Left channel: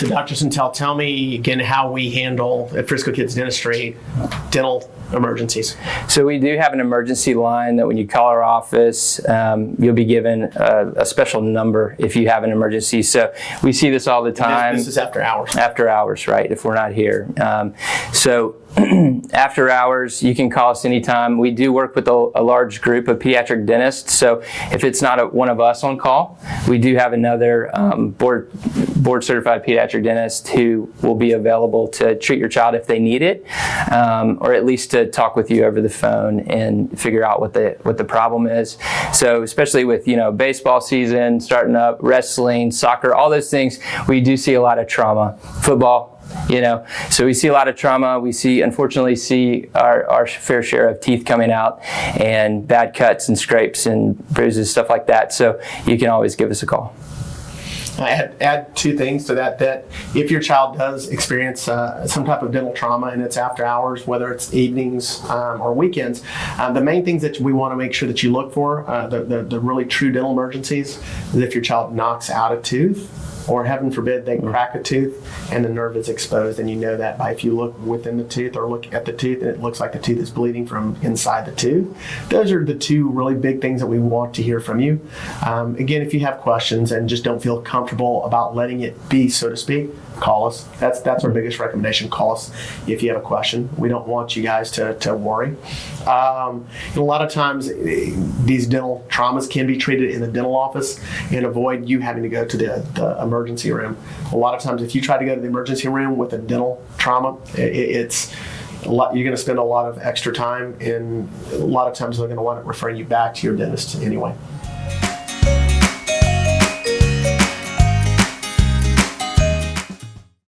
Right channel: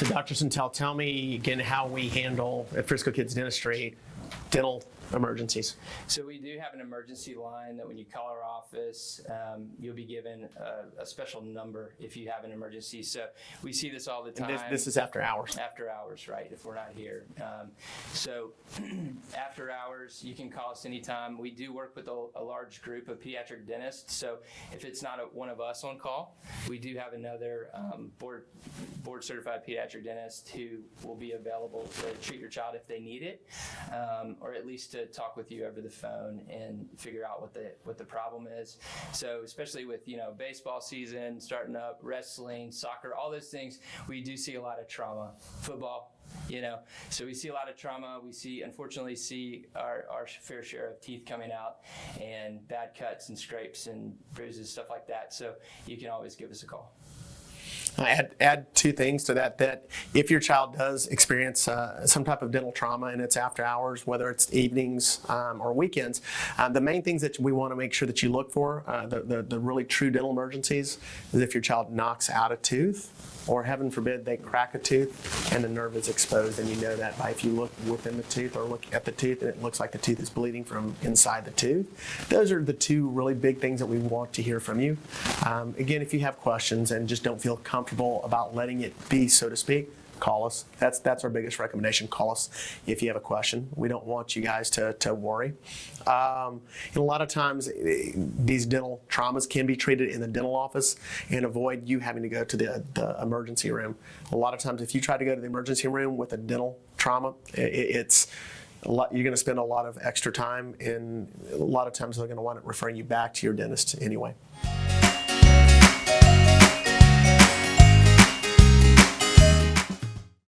So Dr. Centel, tell me again how we handle at Frisco Kids Dentistry dental emergencies. So we do have an emergency line that when you call our office, you'll be given a special number if you have an emergency. So we see this all the time. This is after hours. After hours, right, if we're not here. So after hours, you can call us anytime. We do work with a large group of pediatric dentists. So if it's not one of us on call, we do have another board certified pediatric dentist who will be available to treat your child if they need it, or at least to talk with you over the phone and figure out what the problem is. So especially with baseball season starting up, wrestling, soccer, all those things, we do see a lot of trauma. Football. So we see a lot of trauma. We unfortunately see our fair share of teeth coming out and bad cuts and scrapes and bruises, stuff like that. So you can always give us a call. I add two things to that if your child does experience some type of dental trauma and it's after hours, whether it's evenings or weekends, the main things that we want to make sure that you look for, the really true dental emergencies, is if your child knocks out a tooth, or heaven forbid they crack a tooth and the nerve is exposed, and you know that by if you look within the tooth or look at the tooth and it looks like the tooth is bleeding from inside the tooth. Those are the two really big things that we want to hear from you. Again, if you have questions and just don't feel comfortable about letting it be, so to speak, call us. That's our biggest recommendation. Call us if you have a question. We don't want you guys to worry. A lot of times these dental traumas can be treated in the dental office and avoid you having to go to the emergency room. A lot of times if you try to go to the emergency room with a dental trauma, it's a lot, you're going to spend a lot of extra time, and a lot of times they're going to want to refer you back to your dentist anyway.